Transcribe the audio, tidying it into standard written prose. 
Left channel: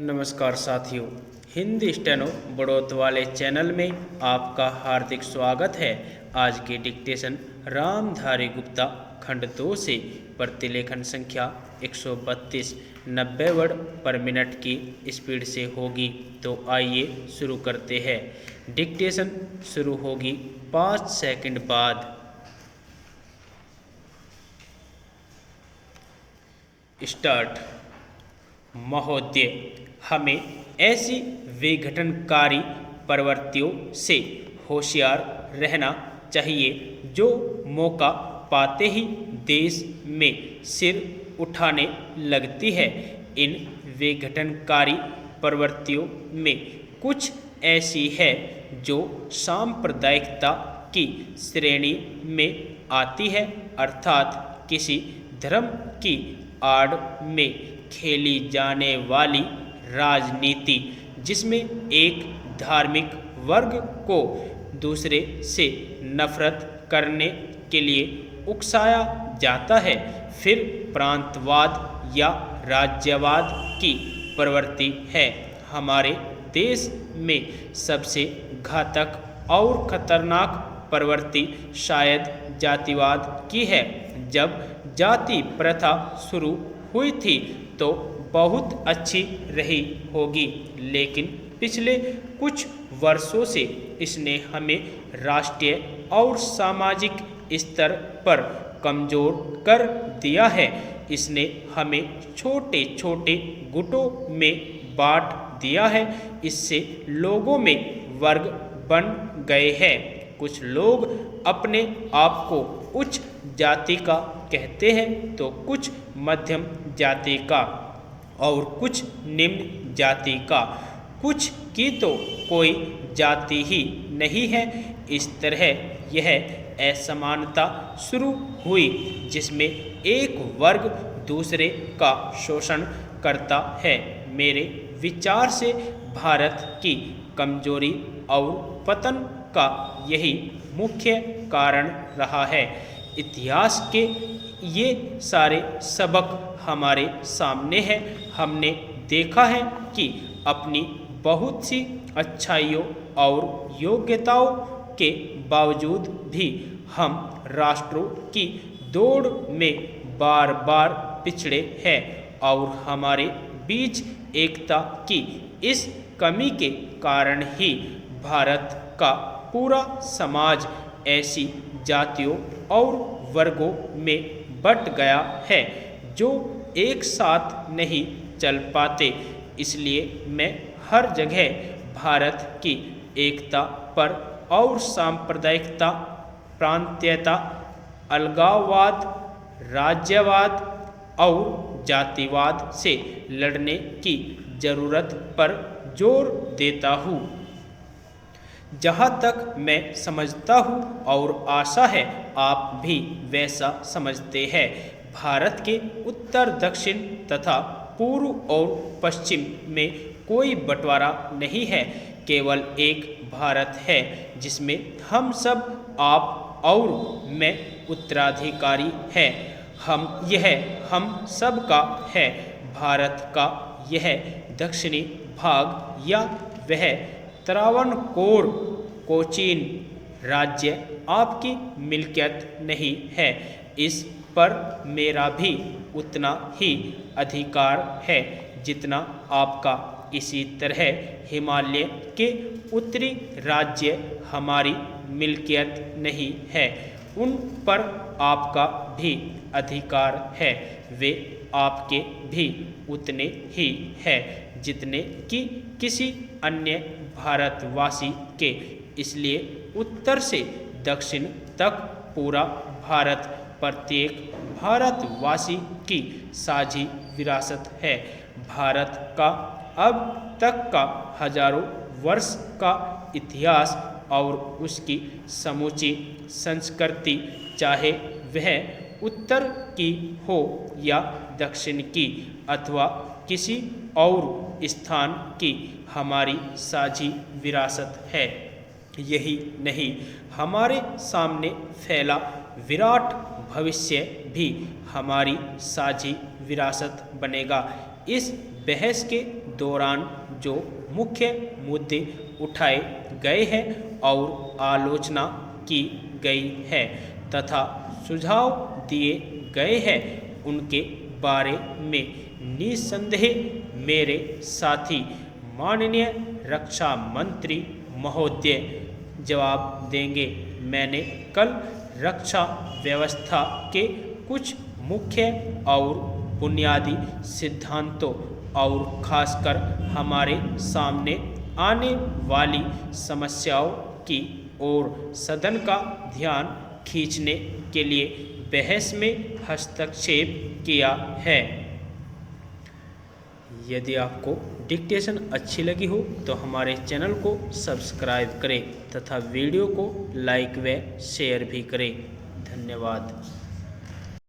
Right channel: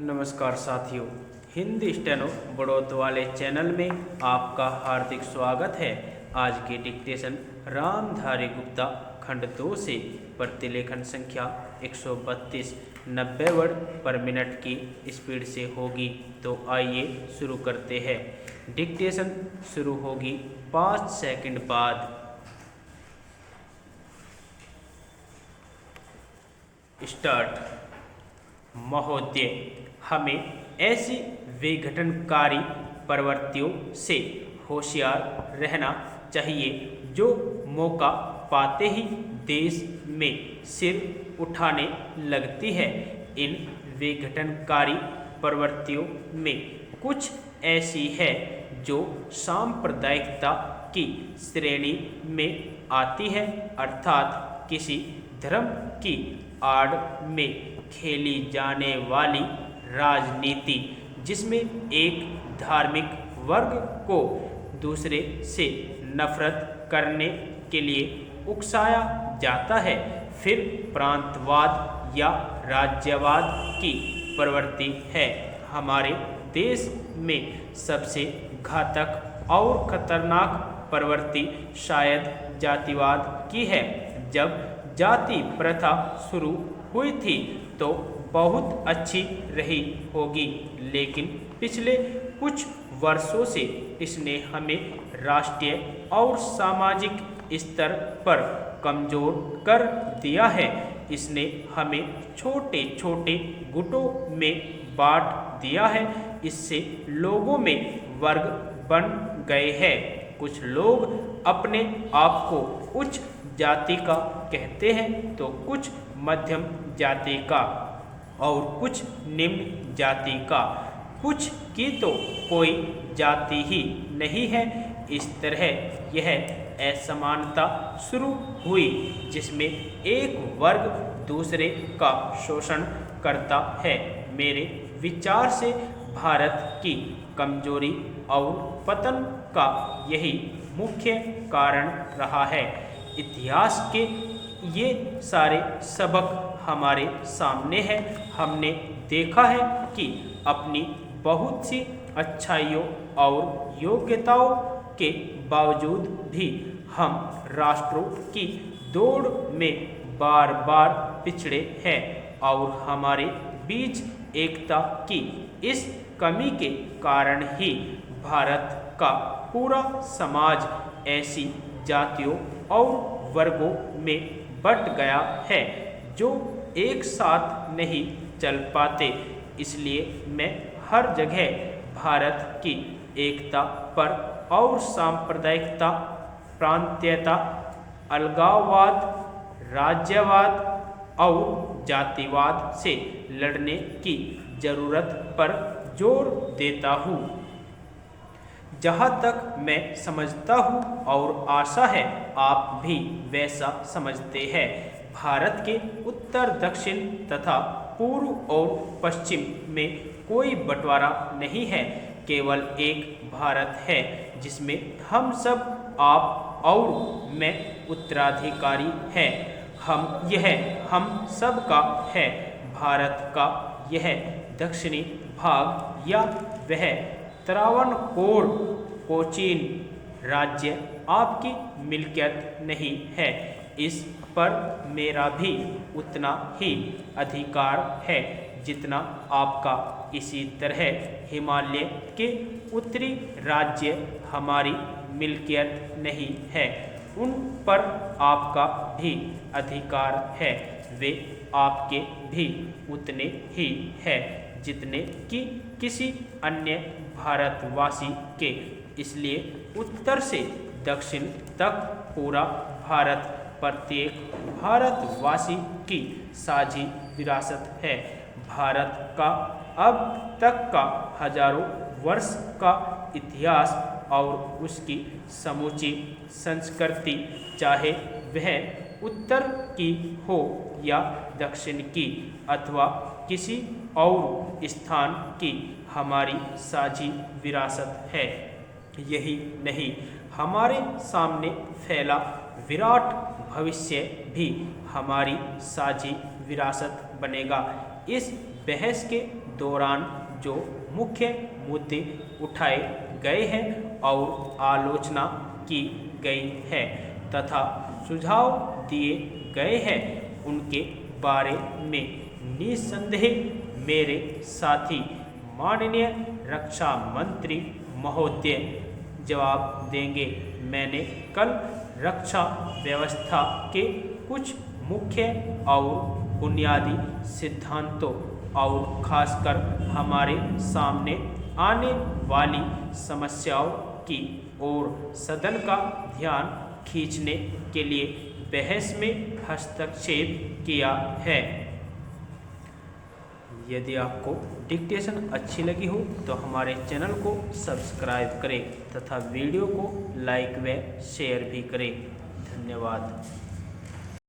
नमस्कार साथियों, हिंदी स्टेनो बड़ौत वाले चैनल में आपका हार्दिक स्वागत है। आज के डिक्टेशन रामधारी गुप्ता खंड 2 से प्रतिलेखन संख्या 132 90 वर्ड पर मिनट की स्पीड से होगी। तो आइए शुरू करते हैं। डिक्टेशन शुरू होगी 5 सेकंड बाद। स्टार्ट। महोदय, हमें ऐसी विघटनकारी प्रवृत्तियों से होशियार रहना चाहिए जो मौका पाते ही देश में सिर उठाने लगती है। इन विघटनकारी प्रवृत्तियों में कुछ ऐसी है जो सांप्रदायिकता की श्रेणी में आती है, अर्थात किसी धर्म की आड़ में खेली जाने वाली राजनीति, जिसमें एक धार्मिक वर्ग को दूसरे से नफरत करने के लिए उकसाया जाता है। फिर प्रांतवाद या राज्यवाद की प्रवृत्ति है। हमारे देश में सबसे घातक और खतरनाक प्रवृत्ति शायद जातिवाद की है। जब जाति प्रथा शुरू हुई थी तो बहुत अच्छी रही होगी, लेकिन पिछले कुछ वर्षों से इसने हमें राष्ट्रीय और सामाजिक स्तर पर कमजोर कर दिया है। इसने हमें छोटे छोटे गुटों में बांट दिया है। इससे लोगों में वर्ग बन गए हैं। कुछ लोग अपने आप को उच्च जाति का कहते हैं तो कुछ मध्यम जाति का और कुछ निम्न जाति का। कुछ की तो कोई जाति ही नहीं है। इस तरह यह असमानता शुरू हुई जिसमें एक वर्ग दूसरे का शोषण करता है। मेरे विचार से भारत की कमजोरी और पतन का यही मुख्य कारण रहा है। इतिहास के ये सारे सबक हमारे सामने हैं। हमने देखा है कि अपनी बहुत सी अच्छाइयों और योग्यताओं के बावजूद भी हम राष्ट्रों की दौड़ में बार बार पिछड़े हैं और हमारे बीच एकता की इस कमी के कारण ही भारत का पूरा समाज ऐसी जातियों और वर्गों में बट गया है जो एक साथ नहीं चल पाते। इसलिए मैं हर जगह भारत की एकता पर और सांप्रदायिकता, प्रांतीयता, अलगाववाद, राज्यवाद और जातिवाद से लड़ने की जरूरत पर जोर देता हूँ। जहाँ तक मैं समझता हूँ और आशा है आप भी वैसा समझते हैं, भारत के उत्तर, दक्षिण तथा पूर्व और पश्चिम में कोई बंटवारा नहीं है। केवल एक भारत है जिसमें हम सब, आप और मैं उत्तराधिकारी हैं। हम सब का है। भारत का यह दक्षिणी भाग या वह त्रावणकोर कोचीन राज्य आपकी मिल्कियत नहीं है। इस पर मेरा भी उतना ही अधिकार है जितना आपका। इसी तरह हिमालय के उत्तरी राज्य हमारी मिल्कियत नहीं है, उन पर आपका भी अधिकार है। वे आपके भी उतने ही है जितने कि किसी अन्य भारतवासी के। इसलिए उत्तर से दक्षिण तक पूरा भारत प्रत्येक भारतवासी की साझी विरासत है। भारत का अब तक का हजारों वर्ष का इतिहास और उसकी समूची संस्कृति, चाहे वह उत्तर की हो या दक्षिण की अथवा किसी और स्थान की, हमारी साझी विरासत है। यही नहीं, हमारे सामने फैला विराट भविष्य भी हमारी साझी विरासत बनेगा। इस बहस के दौरान जो मुख्य मुद्दे उठाए गए हैं और आलोचना की गई है तथा सुझाव दिए गए हैं उनके बारे में निस्संदेह मेरे साथी माननीय रक्षा मंत्री महोदय जवाब देंगे। मैंने कल रक्षा व्यवस्था के कुछ मुख्य और बुनियादी सिद्धांतों और खासकर हमारे सामने आने वाली समस्याओं की ओर सदन का ध्यान खींचने के लिए बहस में हस्तक्षेप किया है। यदि आपको डिक्टेशन अच्छी लगी हो तो हमारे चैनल को सब्सक्राइब करें तथा वीडियो को लाइक व शेयर भी करें। धन्यवाद।